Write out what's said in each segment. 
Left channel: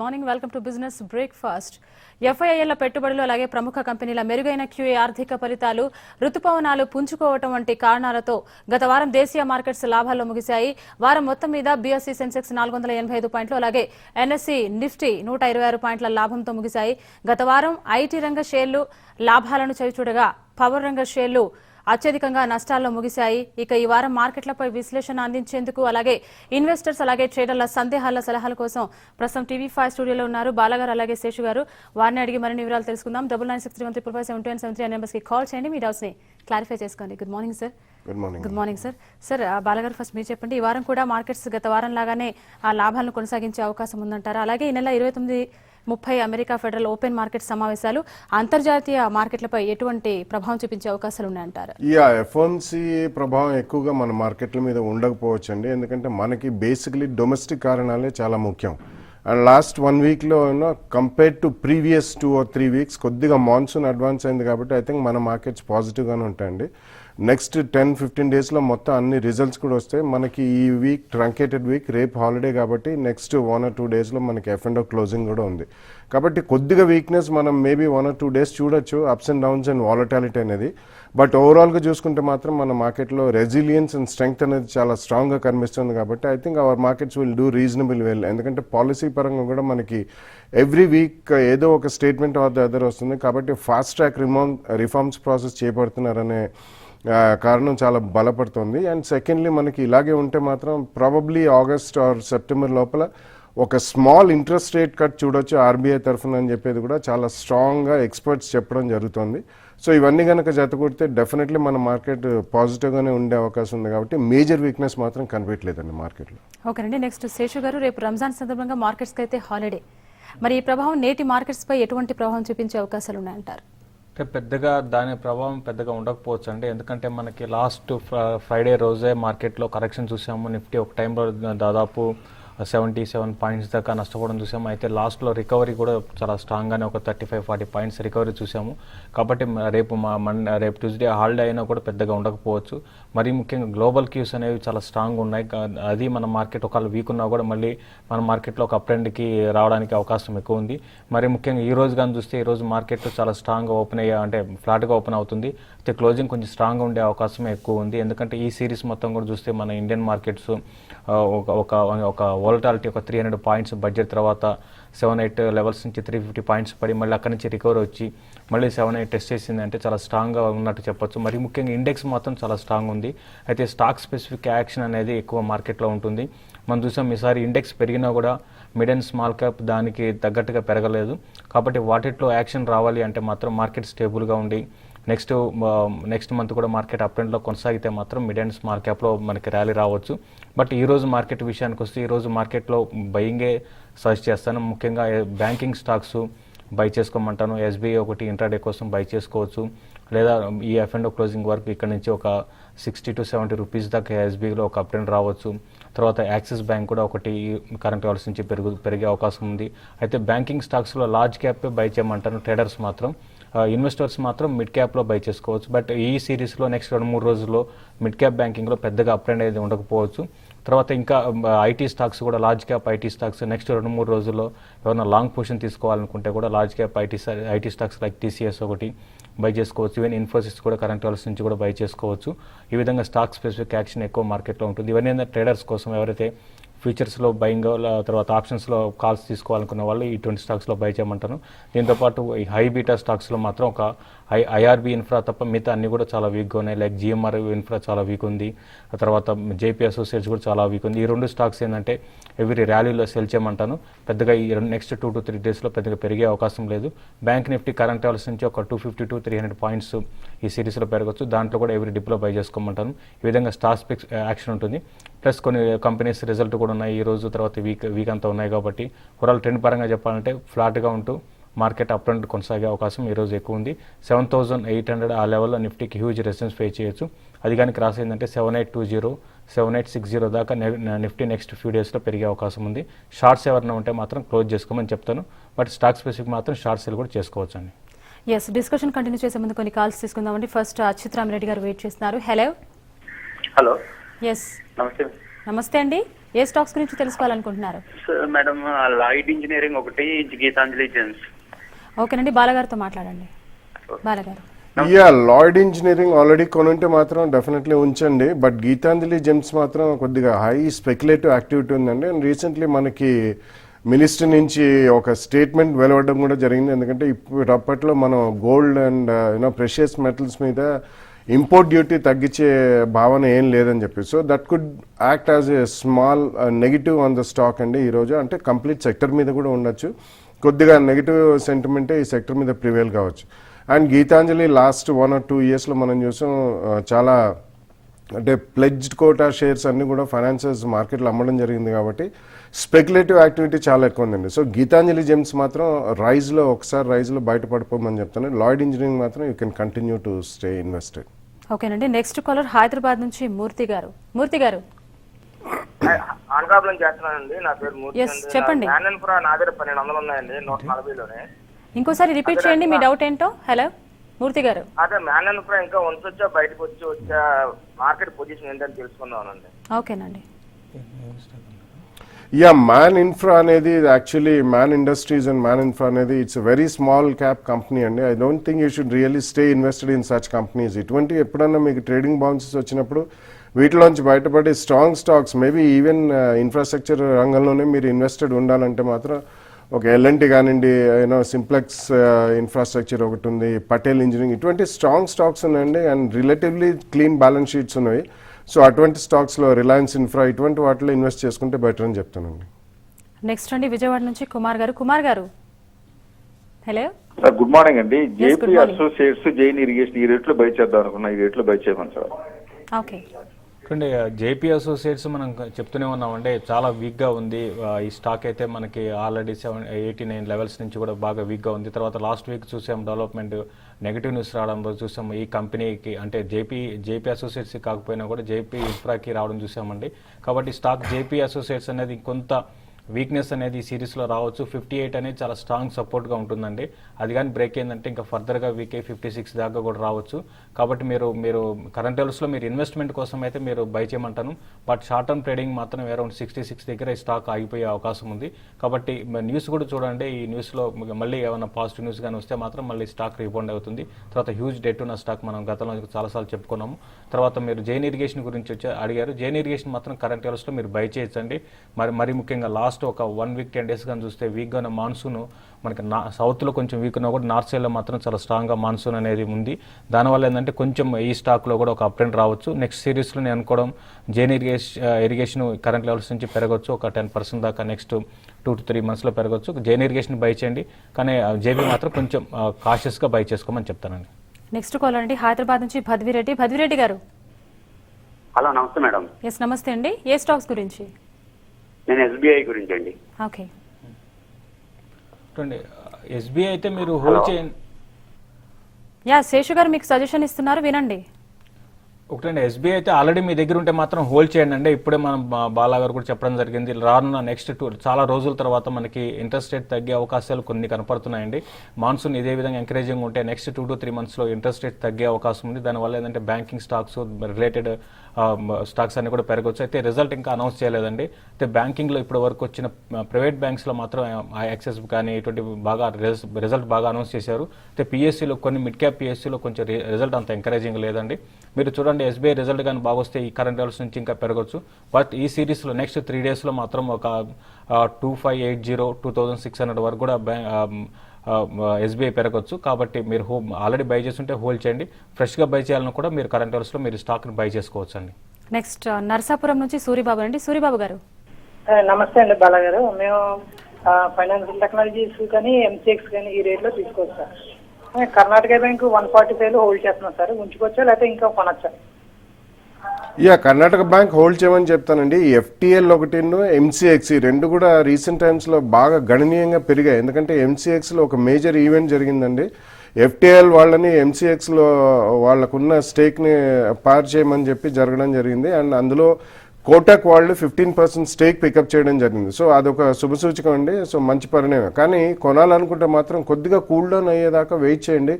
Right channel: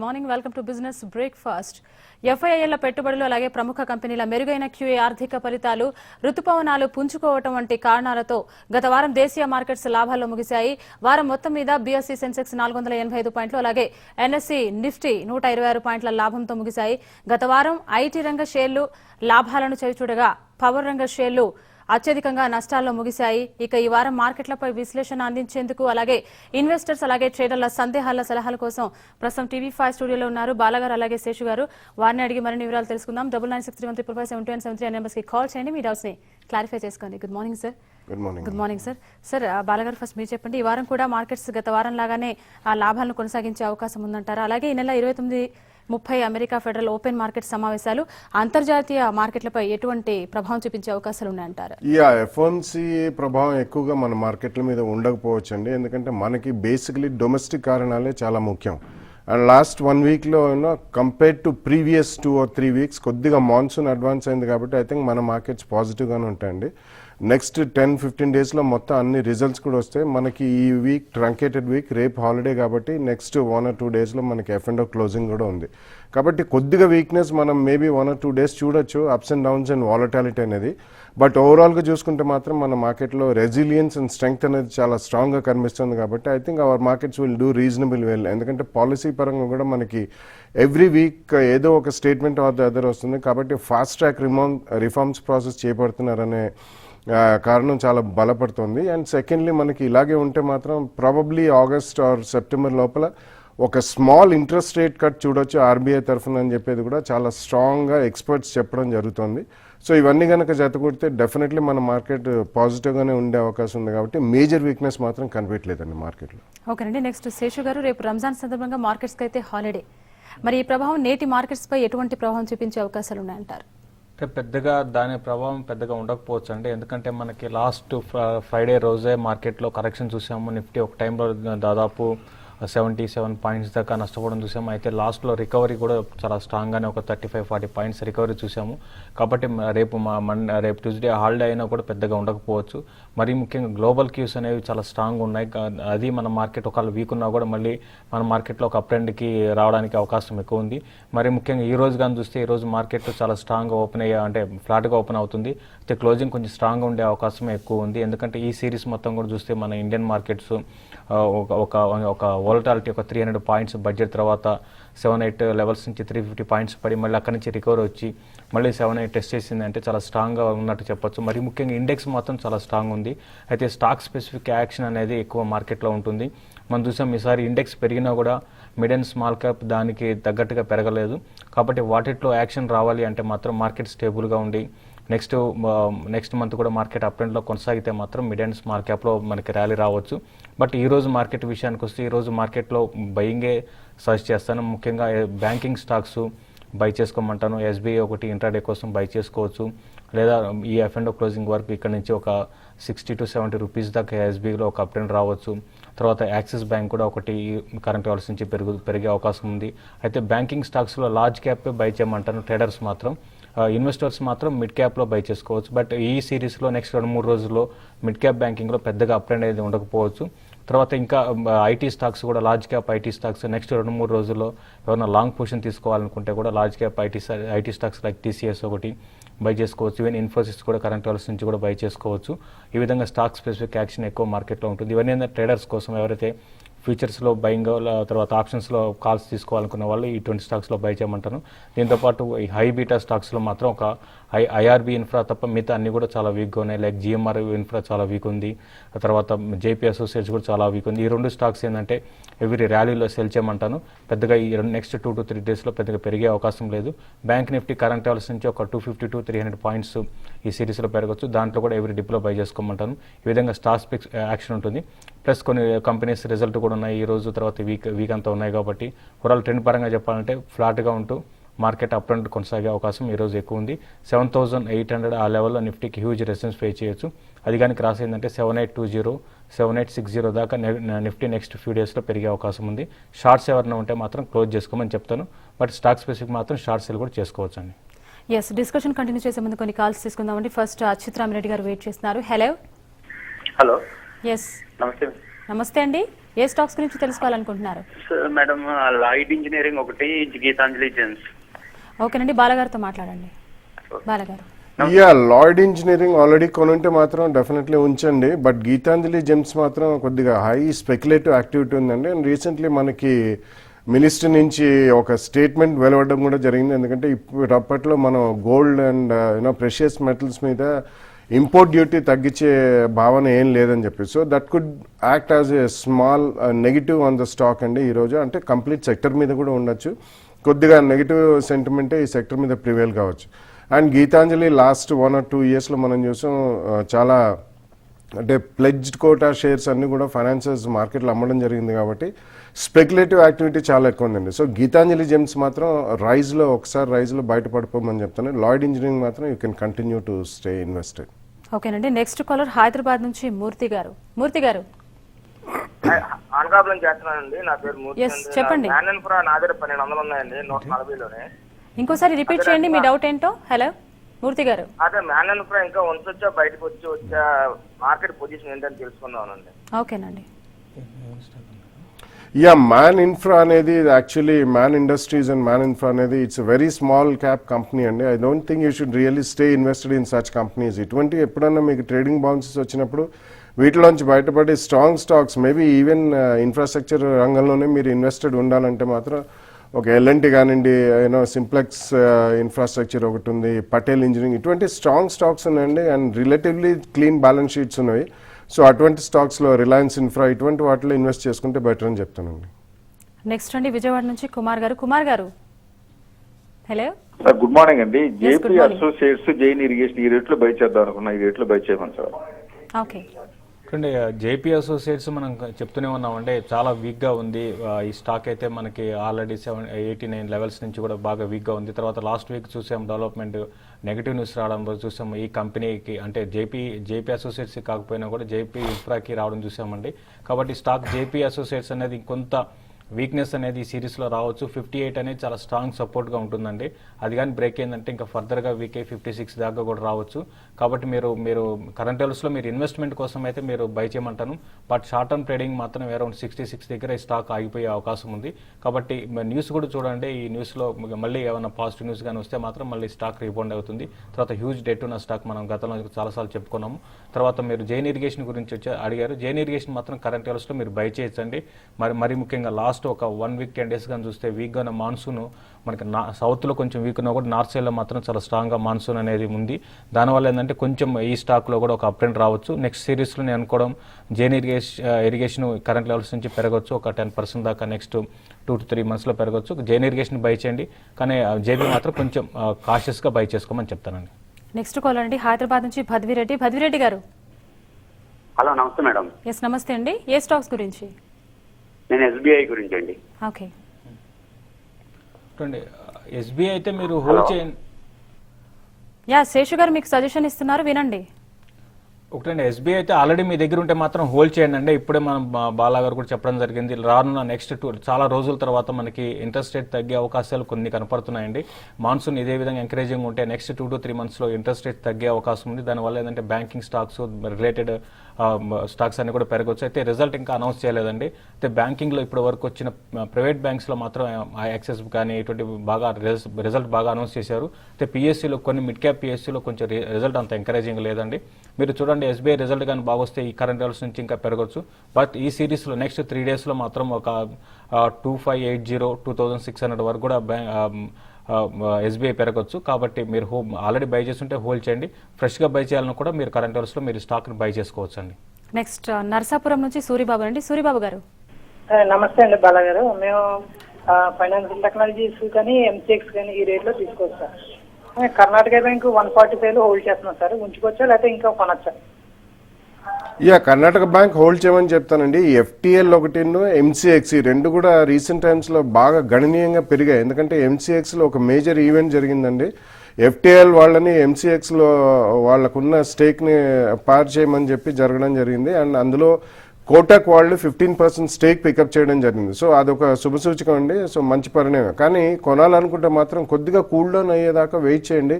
Morning, welcome to business breakfast. ఎఫ్ఐఐల పెట్టుబడులు అలాగే ప్రముఖ కంపెనీల మెరుగైన క్యూఏ ఆర్థిక ఫలితాలు, రుతుపవనాలు పుంజుకోవటం వంటి కారణాలతో గత వారం దేశీయ మార్కెట్స్ లాభాల్లో ముగిశాయి. వారం మొత్తం మీద బీఎస్ఈ సెన్సెక్స్ 485 పాయింట్లు, అలాగే ఎన్ఎస్ఈ నిఫ్టీ 126 పాయింట్ల లాభంతో ముగిశాయి. గత వారం ఐటీ రంగ షేర్లు లాభాలను చవిచూడగా పవర్ రంగ షేర్లు అత్యధికంగా నష్టాల్లో ముగిశాయి. ఇక ఈ వారం మార్కెట్లపై విశ్లేషణ అందించేందుకు అలాగే ఇన్వెస్టర్స్ అలాగే ట్రేడర్ల సందేహాల సలహాల కోసం ప్రస్తుతం టీవీ5 స్టూడియోలో ఉన్నారు బాలగారు అలాగే శేషు గారు. వారిని అడిగి మరిన్ని వివరాలు తెలుసుకుందాం. 9963155573 నెంబర్స్ కి కాల్ చేయండి, మీ డౌట్స్ ని క్లారిఫై చేసుకోండి. Good morning sir. Good morning sir. Sir బాలగారు, ఫస్ట్ మీరు చెప్పండి, ఈ వారం కూడా మార్కెట్స్ గత వారం లాగానే ఆ లాభాలను కొనసాగించే అవకాశం ఉందంటారా? అలాగే ఈ నెల 29-30 అమెరికా ఫెడరల్ ఓపెన్ మార్కెట్ సమావేశాలు అంతర్జాతీయ మార్కెట్లపై ఎటువంటి ప్రభావం చూపించే అవకాశాలు ఉన్నాయంటారు? ఎఫ్ఓఎంసీ ప్రభావం ఎక్కువగా మన మార్కెట్ల మీద ఉండకపోవచ్చు అండి, ఎందుకంటే మనకి బేసిక్లీ డొమెస్టిక్ కారణాలే చాలా ముఖ్యం. అండ్ లాస్ట్ 1 week లో compare to previous 2 or 3 weeks కొద్దిగా మాన్సూన్ అడ్వాన్స్ అయింది కాబట్టి ఐ థింక్ మన మార్కెట్స్ పాజిటివ్గానే ఉంటాయండి. నెక్స్ట్ 10-15 డేస్లో మొత్తం అన్ని రిజల్ట్స్ కూడా వస్తాయి. మనకి ఈ వీక్ ట్రంకేటెడ్ వీక్, రేపు హాలిడే కాబట్టి నెక్స్ట్ 1 or 2 డేస్లో మనకి F&O క్లోజింగ్ కూడా ఉంది. కాబట్టి కొద్దిగా వీక్నెస్ మనం మేబీ 1 or 2 డేస్ చూడొచ్చు, ups and downs and volatility అనేది. బట్ ఓవరాల్గా చూసుకుంటే మాత్రం మన మార్కెట్లో రెసిలియన్స్ అండ్ స్ట్రెంగ్త్ అనేది చాలా స్ట్రాంగ్గా కనిపిస్తుంది. కాబట్టి I think our markets will do reasonable well. ఎందుకంటే పాలసీ పరంగా కూడా మనకి ఎవ్రీ వీక్ ఏదో ఒక స్టేట్మెంట్ ఆఫ్ ద అదర్ వస్తుంది. కాబట్టి ఫాస్ట్ ట్రాక్ రిఫార్మ్స్ ప్రాసెస్ చేపడుతున్నారనే కారణం చాలా బలపడుతుంది. అండ్ సెకండ్లీ మనకి ఇలాగే ఉంటే మాత్రం ప్రాబబ్లీ ఆగస్ట్ ఆర్ సెప్టెంబర్ లోపల ఒక స్మాల్ ఇంట్రెస్ట్ రేట్ కట్ చూడొచ్చు ఆర్బీఐ తరఫున అని చెప్పేది కూడా చాలా స్ట్రాంగ్గా ఎక్స్పర్ట్స్ చెప్పడం జరుగుతుంది. సో ఇవన్నీ కనుక జతకూడితే డెఫినెట్లీ మన మార్కెట్ పాజిటివ్గానే ఉండే అవకాశం ఉంది. కాబట్టి మేజర్ వీక్నెస్ మాత్రం కనిపించలేదండి మార్కెట్లో. ఓకే అండి. నెక్స్ట్ శేషు గారు, రేపు రంజాన్ సందర్భంగా మార్కెట్స్కి అయితే హాలిడే, మరి ఈ ప్రభావం నేటి మార్కెట్స్ పై ఎటువంటి ప్రభావం చూపించే అవకాశాలు ఉన్నాయంటారు? పెద్దగా దాని ప్రభావం పెద్దగా ఉండకపోవచ్చు అండి, ఎందుకంటే మనకి లాస్ట్ ఫ్రైడే రోజే మార్కెట్లో కరెక్షన్ చూసాము. నిఫ్టీ ఒక టైంలో దాదాపు 77 పాయింట్స్ దాకా నష్టపోవడం చూసాము. అయితే లాస్ట్లో రికవరీ కూడా చాలా స్ట్రాంగ్గానే ఒక 35-40 పాయింట్స్ రికవరీ చూసాము. కాబట్టి రేపు రేపు ట్యూస్డే హాలిడే అయినా కూడా పెద్దగా ఉండకపోవచ్చు. మరీ ముఖ్యంగా గ్లోబల్ క్యూస్ అనేవి చాలా స్ట్రాంగ్ ఉన్నాయి. అది మన మార్కెట్ ఒకవేళ వీక్ ఉన్నా కూడా మళ్ళీ మన మార్కెట్లో ఒక అప్ ట్రెండ్కి రావడానికి అవకాశం ఎక్కువ ఉంది. మరి ముఖ్యంగా ఈ రోజు కానీ చూస్తే ఈ రోజు మార్కెట్ చాలా స్ట్రాంగ్గా ఓపెన్ అంటే ఫ్లాట్గా ఓపెన్ అవుతుంది. అయితే క్లోజింగ్ కొంచెం స్ట్రాంగ్గా ఉండే అవకాశం ఎక్కువ ఉంది. ఎందుకంటే ఈ సిరీస్ మొత్తం కూడా చూస్తే మన ఇండియన్ మార్కెట్స్ ఒక వోలటాలిటీ ఒక 300 పాయింట్స్ బడ్జెట్ తర్వాత 7-8 లెవెల్స్ నుంచి 350 పాయింట్స్ పడి మళ్ళీ అక్కడి నుంచి రికవర్ వచ్చి మళ్ళీ 7-8 టెస్ట్ చేసింది అంటే చాలా స్ట్రాంగ్గా ఉన్నట్టు చెప్పొచ్చు. మరి ముఖ్యంగా ఇండెక్స్ మాత్రం చాలా స్ట్రాంగ్ ఉంది. అయితే స్టాక్ స్పెసిఫిక్ యాక్షన్ అనేది ఎక్కువ మార్కెట్లో ఉంటుంది. మనం చూసాం ఈసారి ఇండెక్స్ పెరిగినా కూడా మిడ్ అండ్ స్మాల్ క్యాప్ దానికి తగ్గట్టుగా పెరగలేదు. కాబట్టి వాటిలో యాక్షన్ రావాలి అంటే మాత్రం మార్కెట్ స్టేబుల్గా ఉండి నెక్స్ట్ మంత్ కూడా మార్కెట్ అప్ ట్రెండ్లో కొనసాగితే మాత్రం మిడ్ అండ్ స్మాల్ క్యాప్లో మనకి ర్యాలీ రావచ్చు. బట్ ఈ రోజు మార్కెట్ విషయానికి వస్తే ఈ రోజు మార్కెట్లో బయింగే సజెస్ట్ చేస్తాను. ముఖ్యంగా బ్యాంకింగ్ స్టాక్స్ బై చేసుకోమంటాను. ఎస్బీఐ ఒకటి ఇంట్రాడే కోసం బై చేసుకోవచ్చు, లేదా ఈ F&O క్లోజింగ్ వరకు ఇక్కడ నుంచి ఒక 60 to 70 రూపీస్ దాకా ఎస్బీఐలో ఒక అప్ ట్రెండ్ రావచ్చు. తర్వాత యాక్సిస్ బ్యాంక్ కూడా ఒకటి కరెంట్ అవర్స్ నుంచి పెరిగే అవకాశం ఉంది. అయితే బ్యాంకింగ్ స్టాక్స్లో లార్జ్ క్యాప్ బై చేయమంటాను. ట్రేడర్స్ మాత్రం, ఇన్వెస్టర్స్ మాత్రం మిడ్ క్యాప్లో బై చేసుకోవచ్చు. బట్ ఈ సిరీస్లో నెక్స్ట్ 2-3 రోజుల్లో మిడ్ క్యాప్ బ్యాంకింగ్లో పెద్దగా అప్ ట్రెండ్ అనేది ఉండకపోవచ్చు. తర్వాత ఇంకా ఐటీ స్టాక్స్ కూడా, large cap IT stocks next 2-3 రోజుల్లో ఎవరైనా లాంగ్ పొజిషన్ తీసుకోవాలనుకుంటే కూడా large cap IT stocks like TCS ఒకటి బై చేసుకోవచ్చు. ఈవెన్ ఇన్ఫోసిస్ కూడా కరెంట్ అవర్స్ నుంచి కూడా బై చేసుకోవచ్చు. ఈ విధంగా స్టాక్ స్పెసిఫిక్ యాక్షన్ ఎక్కువ మార్కెట్లో ఉంటుంది. ఇవన్నీ ట్రేడర్స్ కోసం ఎవరైతే ఫ్యూచర్స్లో బయింగ్ తర్వాత ఆప్షన్స్లో కాల్స్ తీసుకోవాలనుకున్న వాళ్ళు ఈ 20 స్టాక్స్లో బై చేయమంటాను. దీంతోపాటు ఈ హై బీటా స్టాక్స్లో మాత్రం ఒక ఐఆర్బీ ఇన్ఫ్రా తప్ప మిగతా అన్ని కూడా చాలా వీక్గా ఉన్నాయి. లైక్ GMR ఇన్ఫ్రా చాలా వీక్ ఉంది, తర్వాత JP అసోసియేట్స్ కూడా చాలా వీక్ ఉంది. ఈ 2 స్టాక్స్ ఏంటంటే ఎవ్రీ ర్యాలీలో సెల్ చేయమంటాను. పెద్దగా ఈ నెక్స్ట్ 2 to 3 డేస్లో పెద్దగా పెరిగే అవకాశం లేదు. బ్యాంక్ నిఫ్టీ కరెంట్ లెవెల్స్ నుంచి ఒక 250 to 300 పాయింట్స్ ఈ సిరీస్లో పెరగచ్చు. దాంట్లో కూడా ఎవ్రీ డిప్లో బై చేసుకోమంటాను. ఈ విధంగా స్టాక్ యాక్షన్ ఉంటుంది. ప్లస్ కొన్ని కంపెనీస్ రిజల్ట్ కూడా ఉన్నాయి ఈ రోజు, తర్వాత వీక్ అంతా ఉన్నాయి. కాబట్టి ఓవరాల్ ట్రెండ్ పరంగా చెప్పాలంటే ఫ్లాట్గా ఉంటూ మార్కెట్ అప్ ట్రెండ్ కొనసాగే అవకాశం ఈ రోజు ఎక్కువ ఉంది. 7800 ఆ లెవెల్లో నిఫ్టీకి హ్యూజ్ రెసిస్టెన్స్ ఫేస్ చేయొచ్చు. అది కానీ క్రాస్ అయిందంటే 7820, 7860 దాకా నిఫ్టీ నెక్స్ట్ ఫ్యూ డేస్లో పెరిగే అవకాశం ఉంది. షార్ట్స్ ఎవరైనా ఉంటే మాత్రం క్లోజ్ చేసుకోమని చెప్తాను. బట్ స్టాక్ స్పెసిఫిక్ మాత్రం షార్ట్ సేల్ కూడా చేసుకోవచ్చు అండి. ఎస్, డిస్కషన్ కంటిన్యూ చేసే ముందు కొన్ని కాల్స్ తీసుకుందామండి. ఫస్ట్ చిత్రామ్ రెడ్డి గారు వెయిట్ చేస్తున్నారు. హలో. హలో. ఎస్, నమస్తే. నమస్తే అండి, ఏ స్టాక్స్ గురించి తెలుసుకోవాలనుకుంటున్నారు? మేడం లాయిడ్ ఇంజనీరింగ్ ఒకటి, గీతాంజలి జెన్స్. ఓకేనండి, బాలగారితో మాట్లాడండి. బాలగారు. యా, లాయిడ్ ఇంజనీరింగ్ ఆల్రెడీ కొనుంటే మాత్రం డెఫినెట్లీ ఉంచండి. బట్ గీతాంజలి జెమ్స్ మాత్రం కొద్దిగా హై స్పెక్యులేటివ్ యాక్టివిటీ ఉందండి. అండ్ రీసెంట్లీ మనకి మినిస్ట్రీ నుంచి ఒక స్టేట్మెంట్ వెలువడడం కూడా జరిగింది. ఎందుకంటే ఇప్పుడు అప్పట్లో మనం గోల్డ్ అండ్ ప్రెషియస్ మెటల్స్ మీద ఇంపోర్ట్ డ్యూటీ తగ్గించే భావన ఏం లేదని చెప్పి, so that could act as a small negative on the stock అండి ఈరోజు. అంటే కంప్లీట్ సెక్టర్ మీద కూడా ఉండొచ్చు, కొద్దిగా నెగిటివ్ సెంటిమెంటే ఈ సెక్టర్ మీద ప్రివేల్ కావచ్చు. And Gitanjali last 1 or 2 years లో మనం చూసాం, చాలా అంటే ప్లెడ్జ్డ్ కోటా షేర్స్ అన్ని కూడా ఫైనాన్సర్స్ మార్కెట్లో అమ్మడం జరిగింది. కాబట్టి స్పెక్యులేటివ్ యాక్టివిటీ చాలా ఎక్కువ ఉందండి. సో గీతాంజలి జెమ్స్ మాత్రం ఒకసారి రైజ్ లో బయటపడిపోమని చెప్తాను. లాయిడ్ ఇంజనీరింగ్ మాత్రం you can continue to stay invested. ఓకేనండి, నెక్స్ట్ కాలర్ హైదరాబాద్ నుంచి మూర్తి గారు. మూర్తి గారు, ఆంధ్రాలో చేస్తున్నానండి. నా పేరు మూర్తి. Yes, చెప్పండి. నా దగ్గర 1200 ఉన్నాయండి 140లోనే. ఇంకోసారి రిపీట్ చేయండి మీ డౌట్ ఏంటో. హలో మూర్తి గారు. అదే మ్యానువల్ ఫ్రా ఇంకా ఉంచొచ్చా, బయటకు వచ్చా, మార్కెట్ పొజిషన్ ఏంటని తెలుసుకుందామనండి. ఓకేనండి. యా, మ్యాన్ ఇన్ఫ్రా అనేది actually man industries and man infra అనేది it's very small cap company అండి. I don't think you should really stay invested in such companies. ఇటువంటి ఎప్పుడన్నా మీకు ట్రేడింగ్ బౌన్సెస్ వచ్చినప్పుడు వీటిలోంచి బయటపడే strong stocks, maybe even infrastructure రంగంలోనే మీరు ఇన్వెస్టెడ్ ఉండాలంటే మాత్రం ఒక ఎల్ఎన్టీ కానివ్వండి, సింప్లెక్స్ ఇన్ఫ్రాస్ట్రక్చర్ ఒకటి ఉంది, పటేల్ ఇంజనీరింగ్, ఇటువంటి స్ట్రాంగ్ స్టాక్స్ ఉన్నాయండి. And relatively clean balance sheets ఉన్నాయి. సో అటువంటి స్టాక్స్ లో రిలయన్స్ ఇన్ఫ్రా ఇటువంటి వాటిలో ఇన్వెస్ట్ చేసుకుంటే బెటర్ అని చెప్తానండి. నెక్స్ట్ అండి విజయవాడ నుంచి కుమార్ గారు. కుమార్ గారు, హలో సార్, గుడ్ మార్నింగ్ అండి. Yes, JP good morning. Associates, Jain irrigation ఈ రేట్లో బై చేద్దాం అనుకున్నా, ఈ రేట్లో బై చేయమని సార్. ఓకే. జేపీ అసోసియేట్స్ మనం చెప్తూనే ఉన్నామంటే చాలా వీక్ గా ఉంది. ఈ స్టాక్ అయితే మనకి ఆల్రెడీ 89 లెవెల్స్ నుంచి కూడా బాగా వీక్ గా ఉంది. తర్వాత లాస్ట్ వీక్ చూసాం డెవలప్మెంట్ నెగిటివ్ న్యూస్ రావడంలో చూసాం. ఈ కంపెనీకి అంటే జేపీ అసోసియేట్స్ కాకపోయినా కూడా జేపీ ఇన్ఫ్రాకి రావడం చూసామండి. కాబట్టి స్టాక్ జేపీ అసోసియేట్స్ అనేది కొంత వీక్నెస్ అనేది ఈ సిరీస్ లో రావచ్చు. 58 అనేది చాలా స్ట్రాంగ్ సపోర్ట్ గా ఉంటుందండి. అది కానీ బ్రేక్ అయిందంటే ఇంకా ఫర్దర్ గా వీక్ 56 దాకా కూడా రావచ్చు. కాబట్టి మీరు కరెంట్ లెవెల్స్ లో మీరు ఇన్వెస్ట్మెంట్ కోసం అయితే మీరు బై చేయమంటాను. బట్ షార్ట్ టర్మ్ ట్రేడింగ్ మాత్రం అరౌండ్ 66 దగ్గర స్టాక్ ఆగిపోయే అవకాశం ఉంది. కాబట్టి న్యూస్ కూడా చూడండి. ఈ న్యూస్ లో మళ్ళీ ఏమైనా పాజిటివ్ న్యూస్ కానీ వస్తే మాత్రం మళ్ళీ స్టాక్ రీబౌండ్ అవుతుంది. తర్వాత హ్యూజ్ డెట్ ఉన్న స్టాక్ మనం గతంలో చాలాసార్లు చెప్పుకున్నాము. తర్వాత మీరు జైన్ ఇరిగేషన్ గురించి అడిగారు. జైన్ ఇరిగేషన్ మాత్రం కరెంట్ లెవెల్స్ లో మీరు బై చేయొచ్చండి. మరి ముఖ్యంగా లాస్ట్ ఒక 1 week 10 days కానీ చూస్తే వీక్ గా మాన్సూన్ మనకి సౌత్ లో కొంచెం వీక్ ఉన్నా కూడా నార్త్ సైడ్ లో మాత్రం చాలా స్ట్రాంగ్ గా మాన్సూన్ అనేది ఉంది. దానివల్ల ఏంటంటే కొంచెం ఈ స్టాక్ లో కూడా ఒక అప్ ట్రెండ్ రావచ్చు. నెక్స్ట్ సిరీస్ లో నేను అనుకోవడం జైన్ ఇరిగేషన్ కరెంట్ లెవెల్స్ నుంచి పెరగవచ్చు ఒక 10% దాకా నెక్స్ట్ 2 to 3 months లో పెరగవచ్చు. జైన్ ఇరిగేషన్ బై చేయండి, కానీ జేబీ మాత్రం కొంచెం కాషియస్ గా బై చేసుకోమని చెప్తానండి. నెక్స్ట్ కాల్ అండి హైదరాబాద్ నుంచి భద్విరెడ్డి. భద్విరెడ్డి గారు. హలో, నమస్తే మేడం. ఎస్ నమస్తే అండి, ఏ స్టాక్స్ గురించి? నేను ఎస్బీఐ గురించి అండి. ఓకే. ఎస్బీఐ అయితే మీరు హోల్డ్ చేయండి. యా, శేషు గారు మీకు సజెషన్ ఇస్తున్నారు, వినండి. ఒకటండి, ఎస్బీఐ అయితే ఆల్రెడీ మీ దగ్గర ఉంటే మాత్రం హోల్డ్ చేయండి అండి. ఇప్పుడే మనం బాలా గారు కూడా చెప్పడం జరిగింది. రానున్న నెక్స్ట్ చాలా రోజుల తర్వాత మనకి ఇంట్రెస్ట్ రేట్ తగ్గే అవకాశాలు కొన్ని కనపడుతున్నాయండి. మాన్సూన్ ఇదే విధంగా ఎంకరేజింగ్ ఉంటే నెక్స్ట్ 2 to 3 months లో ఇంట్రెస్ట్ రేట్ తగ్గే అవకాశం ఉంది. దానివల్ల ఏంటంటే బ్యాంకింగ్ స్టాక్స్ రిలేటెడ్ స్టాక్స్ అన్ని కూడా పెరగవచ్చు. అయితే రిజల్ట్ ఇంకా అనౌన్స్ చేయలేదండి. అయితే బ్యాంకింగ్ లో ఇప్పటి వరకు వచ్చిన ప్రైవేట్ బ్యాంక్స్ లో మాత్రం యాక్సెస్ కానీ ఇటువంటి బాగా రిజల్ట్ బాగా అనౌన్స్ చేశారు. అయితే పిఎస్సీలో కొన్ని మిడ్ క్యాప్ పిఎస్సీలో కొంచెం రిజల్ట్ అంత ఎంకరేజింగ్ లేదండి. మీరు చూడండి, ఎస్బీఐ రిజల్ట్ కానీ బాగొస్తే ఈ కరెంట్ లెవెల్స్ నుంచి ఇంకా పెరగవచ్చు. బట్ ఈ సిరీస్ లో నెక్స్ట్ 3 days లో మాత్రం ఒక 2580 2600 వరకు కూడా ఎస్బీఐ పెరగవచ్చు. కాబట్టి మీరు ఆల్రెడీ బై చేస్తుంటే హోల్డ్ చేయండి. ఫ్రెష్ గా బై చేయాలని కూడా మీరు కరెంట్ లెవెల్స్ లో మీరు స్టాక్ బై చేసుకోవచ్చు అండి. నెక్స్ట్ నర్సాపురం నుంచి సూరిబాబు అండి. సూరిబాబు గారు. నమస్తే అండి బాలా గారు. మేము ఫైనాన్షియల్ టెక్నాలజీస్ కానీ ఎంసీఎక్స్ కానీ ఈ రేట్లో తీసుకోవచ్చు సార్. కర్ణాటక బ్యాంక్ 145 హోల్డ్ చేస్తున్నాం సార్, ఉంచుకోవచ్చా లేకపోతే ఇంకా కొనొచ్చా? యా, కర్ణాటక బ్యాంక్ హోల్డ్ చేయమని చెప్తానండి. ఎఫ్టీఎల్ ఒకటి, ఎంసీఎక్స్ ఈ రెండు కూడా రీసెంట్ టైమ్స్ లో బాగా గణనీయంగా పెరిగాయి. ఎందుకంటే ఎంసీఎక్స్ లో ఒక మేజర్ ఈవెంట్ జరిగిందండి. ఎఫ్టీఎల్ వాళ్ళని ఎంసీఎక్స్ లో వాళ్ళకున్న స్టేక్ ని పార్ చేయమని చెప్పి జరగడం జరిగింది. అండ్ అందులో కోటాక్ వాళ్ళు 15% స్టేక్ పికప్ చేయడం జరిగింది. సో అదొక శుభసూచకం అండి. సో మంచి పరిణామం. కానీ కొనాలనుకుంటే మాత్రం కొద్దిగా కూల్ డౌన్ అయ్యేదాకా వెయిట్ చేయండి.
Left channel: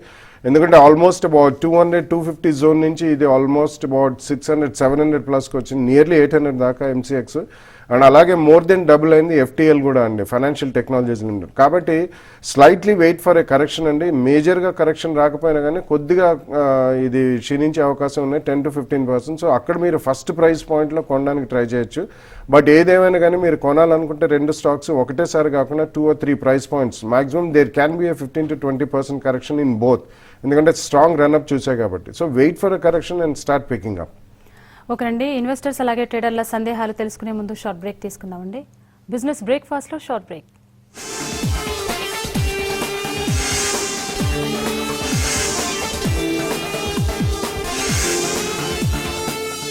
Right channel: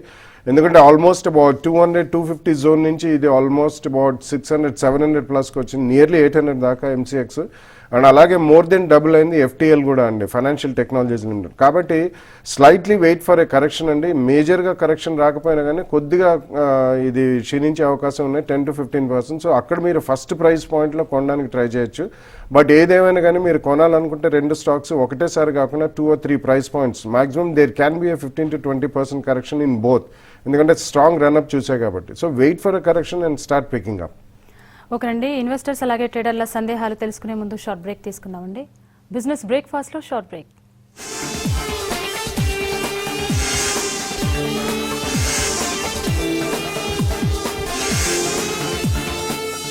ఎందుకంటే ఆల్మోస్ట్ అబౌట్ 200-250 జోన్ నుంచి ఇది ఆల్మోస్ట్ అబౌట్ 600-700 ప్లస్కి వచ్చింది, నియర్లీ 800 దాకా ఎంసీఎక్స్. అండ్ అలాగే మోర్ దెన్ డబుల్ అయింది ఎఫ్టీఎల్ కూడా అండి, ఫైనాన్షియల్ టెక్నాలజీస్ నుండి. కాబట్టి slightly wait for a correction అండి. మేజర్గా కరెక్షన్ రాకపోయినా కానీ కొద్దిగా ఇది క్షీణించే అవకాశం ఉన్నాయి, 10-15%. సో అక్కడ మీరు ఫస్ట్ ప్రైస్ పాయింట్లో కొనడానికి ట్రై చేయొచ్చు. బట్ ఏదేమైనా కానీ మీరు కొనాలనుకుంటే రెండు స్టాక్స్ ఒకటేసారి కాకుండా 2 or 3 price points maximum there can be 15-20% correction in both, ఎందుకంటే స్ట్రాంగ్ రన్అప్ చూసాయి కాబట్టి. So wait for a correction and start picking up. ఓకేనండి, ఇన్వెస్టర్స్ అలాగే ట్రేడర్ల సందేహాలు తెలుసుకునే ముందు షార్ట్ బ్రేక్ తీసుకుందామండి. బిజినెస్ బ్రేక్ఫాస్ట్ లో షార్ట్ బ్రేక్.